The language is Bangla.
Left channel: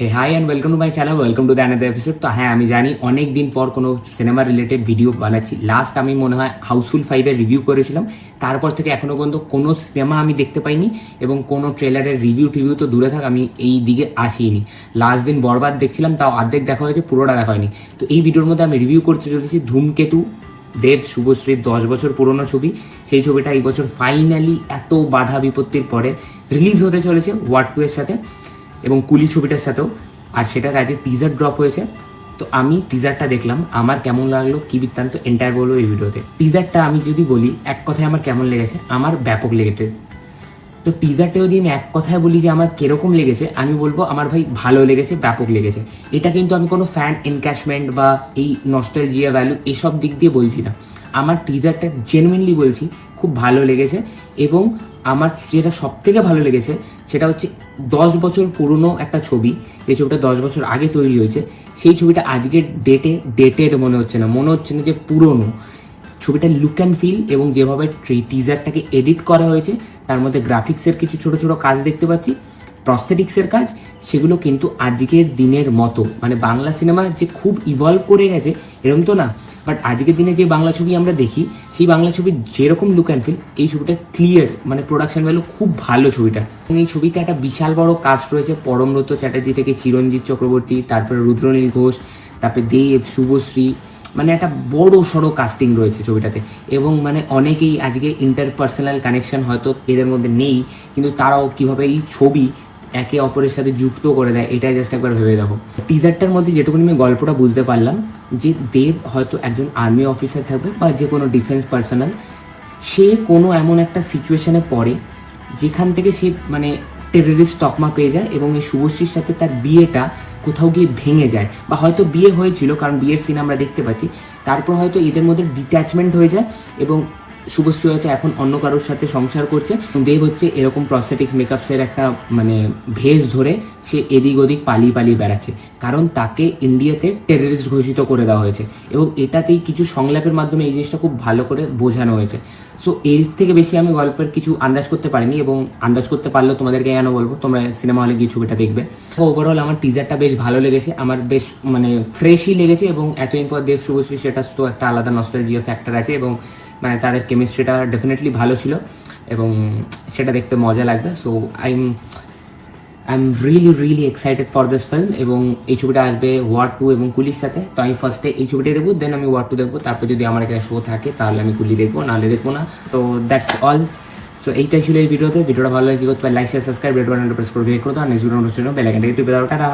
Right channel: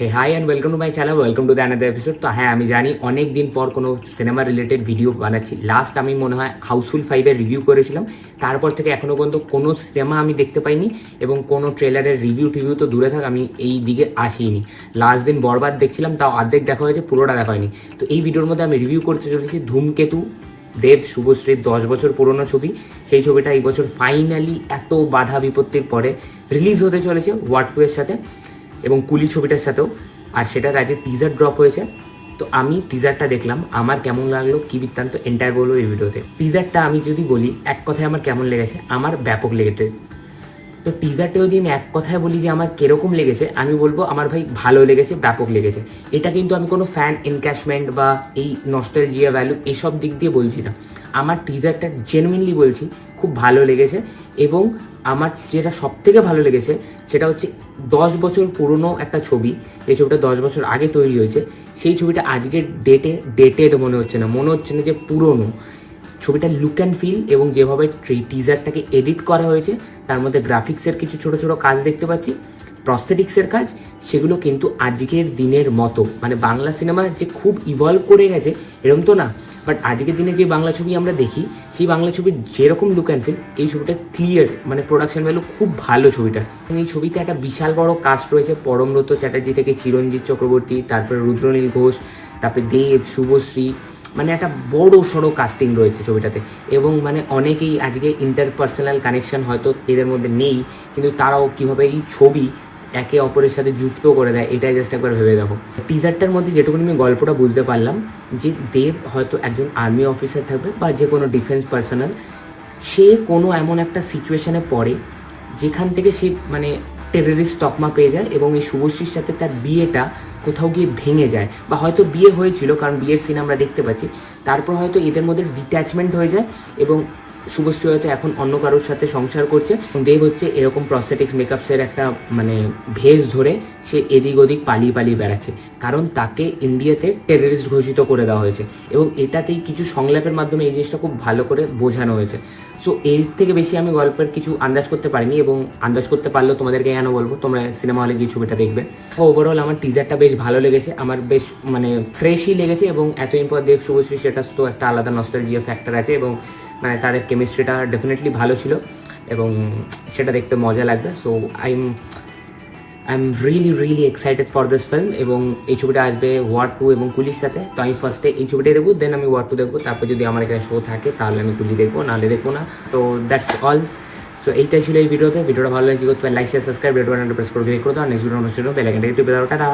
Hey hi and welcome to my channel, welcome to the another episode. তো হ্যাঁ, আমি জানি অনেক দিন পর কোনো সিনেমা রিলেটেড ভিডিও বানাচ্ছি। লাস্ট আমি মনে হয় হাউসফুল 5-এর রিভিউ করেছিলাম। তারপর থেকে এখনও পর্যন্ত কোনো সিনেমা আমি দেখতে পাইনি এবং কোনো ট্রেলারের রিভিউ তো দূরে থাক, আমি এই দিকে আসিনি। লাস্ট দিন বরবাদ দেখছিলাম, তাও অর্ধেক দেখা হয়েছে, পুরোটা দেখা হয়নি। তো এই ভিডিওর মধ্যে আমি রিভিউ করতে চলেছি ধূমকেতু, দেব শুভশ্রীর 10 বছর পুরনো ছবি। সেই ছবিটা এই বছর ফাইনালি এত বাধা বিপত্তির পরে রিলিজ হতে চলেছে ওয়ার্ড 2 এর সাথে এবং কুলি ছবিটার সাথেও। আর সেটার আজকে টিজার ড্রপ হয়েছে। তো আমি টিজারটা দেখলাম, আমার কেমন লাগলো কি বৃত্তান্ত এন্টায়ার বলবো এই ভিডিওতে। টিজারটা আমি যদি বলি এক কথায় আমার কেমন লেগেছে, আমার ব্যাপক লেগেছে। তো টিজারটা যদি আমি এক কথায় বলি যে আমার কিরকম লেগেছে, আমি বলবো আমার ভাই ভালো লেগেছে, ব্যাপক লেগেছে। এটা কিন্তু আমি কোনো ফ্যান এনক্যাশমেন্ট বা এই নস্টালজিয়া ভ্যালু এসব দিক দিয়ে বলছি না। আমার টিজারটা জেনুইনলি বলছি খুব ভালো লেগেছে। এবং আমার যেটা সব থেকে ভালো লেগেছে সেটা হচ্ছে 10 বছর পুরনো একটা ছবি, যে ছবিটা 10 বছর আগে তৈরি হয়েছে, সেই ছবিটা আজকের ডেটেড মনে হচ্ছে না যে পুরনো। ছবিটার লুক অ্যান্ড ফিল এবং যেভাবে টিজারটাকে এডিট করা হয়েছে, তার মধ্যে গ্রাফিক্সের কিছু ছোট ছোট কাজ দেখতে পাচ্ছি, প্রস্থেটিক্সের কাজ, সেগুলো কিন্তু আজকের দিনের মতো। মানে বাংলা সিনেমা যে খুব ইভলভ করে গেছে এরকম তো না, বাট আজকের দিনে যে বাংলা ছবি আমরা দেখি, সেই বাংলা ছবির যেরকম লুক অ্যান্ড ফিল, এই ছবিটা ক্লিয়ার, মানে প্রোডাকশন ভ্যালু খুব ভালো ছবিটা। এই ছবিতে একটা বিশাল বড় কাস্ট রয়েছে, পরমব্রত চ্যাটার্জি থেকে চিরঞ্জিত চক্রবর্তী, তারপরে রুদ্রনীল ঘোষ, তারপরে দেব, শুভশ্রী, মানে একটা বড় সড়ো কাস্টিং রয়েছে ছবিটাতে। এবং মানে অনেকেই আজকে ইন্টারপার্সোনাল কানেকশন হয়তো এদের মধ্যে নেই, কিন্তু তারাও কীভাবে এই ছবি একে অপরের সাথে যুক্ত করে দেয়, এটাই জাস্ট একবার ভেবে দেখো। টিজারটার মধ্যে যেটুকুনি আমি গল্পটা বুঝতে পারলাম, যে দেব হয়তো একজন আর্মি অফিসার থাকবে বা যে কোনো ডিফেন্স পার্সোনাল। সে কোনো এমন একটা সিচুয়েশনে পড়ে যেখান থেকে সে মানে টেররিস্ট তকমা পেয়ে যায়, এবং এই শুভশ্রীর সাথে তার বিয়েটা কোথাও গিয়ে ভেঙে যায়, বা হয়তো বিয়ে হয়েছিল কারণ বিয়ের সিন আমরা দেখতে পাচ্ছি, তারপর হয়তো এদের মধ্যে ডিট্যাচমেন্ট হয়ে যায় এবং শুভশ্রী হয়তো এখন অন্য কারোর সাথে সংসার করছে। দেব হচ্ছে এরকম প্রস্থেটিক্স মেকআপসের একটা মানে ভেস ধরে সে এদিক ওদিক পালিয়ে বেড়াচ্ছে, কারণ তাকে ইন্ডিয়াতে টেররিস্ট ঘোষিত করে দেওয়া হয়েছে। এবং এটাতেই কিছু সংলাপের মাধ্যমে এই জিনিসটা খুব ভালো করে বোঝানো হয়েছে। সো এর থেকে বেশি আমি গল্পের কিছু আন্দাজ করতে পারিনি, এবং আন্দাজ করতে পারলেও তোমাদেরকে কেন বলবো, তোমরা সিনেমা হলে গিয়ে ছবিটা দেখবে। ওভারঅল আমার টিজারটা বেশ ভালো লেগেছে, আমার বেশ মানে ফ্রেশই লেগেছে। এবং এতদিন পর দেব শুভশ্রী, সেটা তো একটা আলাদা নস্টালজিয়া ফ্যাক্টর আছে, এবং মানে তাদের কেমিস্ট্রিটা ডেফিনেটলি ভালো ছিল এবং সেটা দেখতে মজা লাগবে। So I am really excited for this film. এবং এই ছবিটা আসবে ওয়ার্ড 2 এবং কুলির সাথে। তো আমি ফার্স্টে এই ছবিটা দেখবো, দেন আমি ওয়ার্ড 2 দেখবো, তারপর যদি আমার এখানে শো থাকে তাহলে আমি কুলি দেখবো, নাহলে দেখবো না। তো দ্যাটস অল। সো এইটাই ছিল এই ভিডিওটা ভালো লাগে কি করতে পারে, লাইক শেয়ার সাবস্ক্রাইব, রেড বাটনটা প্রেস করে ক্লিক করতে হবে, নেক্সট ভিডিও বেল আইকনটা টিপে দাও। টাটা।